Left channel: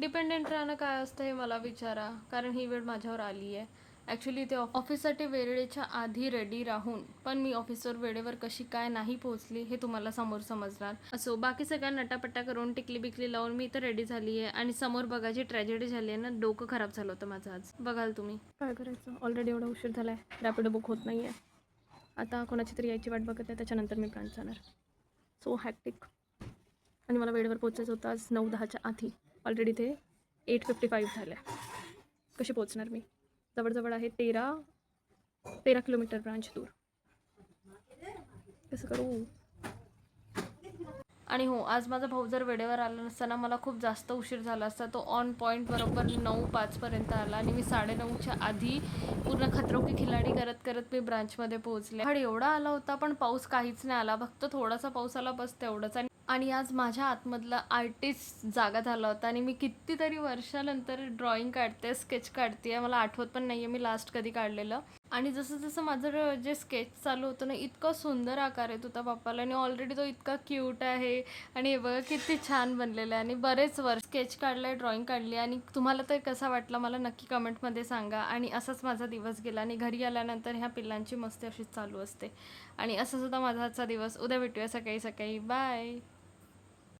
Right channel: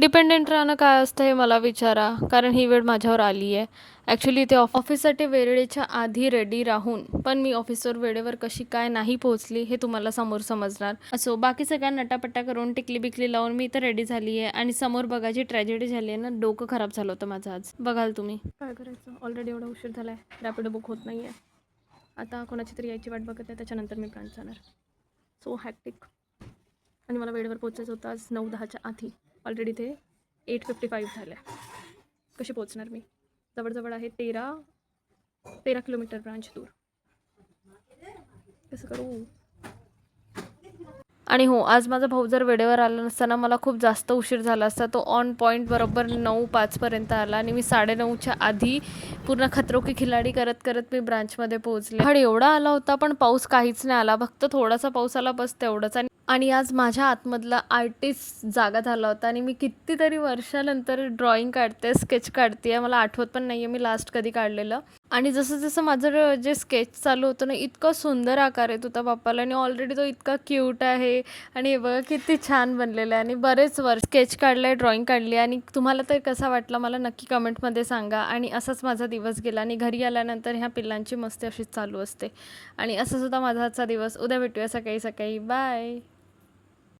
Dependent राहणं काय असतं हे मला विचारा, कारण ही वेळ माझ्यावर आली आहे. ॲक्च्युली ते ऑफिससाठी वेळेच्या आधी रेडी राहून पण मी ऑफिसवर वेळेवर कशी काय नाही पोहोचली हे तुम्हाला समोर समजणार. असो, बाकी सगळ्या नटापट्टा करून टिकली बिकली लावून मी इथं रेडी झाली आहे आणि समोर बघा जी ट्रॅजेडी झाली आहे ना, डोकं खराब झालं होतं माझं आज. बघाल तुम्ही. काय करायचं, ऑलरेडी एवढा उशीर झाला आहे, रॅपिडो बुक होत नाही आहे. आता कोणाची तरी यायची वाट बघत आहे, त्याच्यानंतर मी ब्रांच जाणार. So hectic. आणि मला वेळेवर पोचायचं होतं आज 9:10च्या आधी. ऑलरेडी ते 8:55 झालं आहे. कशी पोचणार मी? जवळजवळ आहे 13 किलोमीटर ब्रांच दूर. कसं करू? आणि हो, आज माझा भाऊ जर वेळेवर आला नसताना मला खूप जास्त उशीर झाला असता. तो ऑन पॉईंट बरोबर 9:05 आला आणि मी 9:30च्या आधी पूर्ण खतरो की खिलाडी करत करत मी ब्रांचमध्ये पोहोचले. पण एवढा आला होता, पण पाऊस काहीच नाही आला. फक्त थोडासा पाऊस आला, बस तेवढंच. आणि आज माझ्या आतमधला आर्टिस्ट जागा झाला होता आणि मी कितीतरी वर्षानंतर ड्रॉइंग काढते, स्केच काढते. मला आठवत पण नाही आहे मी लास्ट कधी काढलेलं. आणि जसं जसं माझं जे स्केच चालू होतं ना, इतका सुंदर आकार येत होता बाप्पाला आणि ऑलरेडी तो इतका क्यूट आहे. आणि हे बघा किती छान बनलेलं आहे. आणि बरेच वर्ष स्केच काढलं आहे, ड्रॉइंग काढली आहे. आणि तुम्हाला तर कसा वाटला मला नक्की कमेंटमध्ये सांगा. आणि असाच माझा दिवस गेला आणि घरी आल्यानंतर ह्या पिल्लांची मस्ती अशीच चालू असते. आणि असं सुद्धा माझा आजचा दिवस. उद्या भेटूया सकाळी सकाळी. बाय.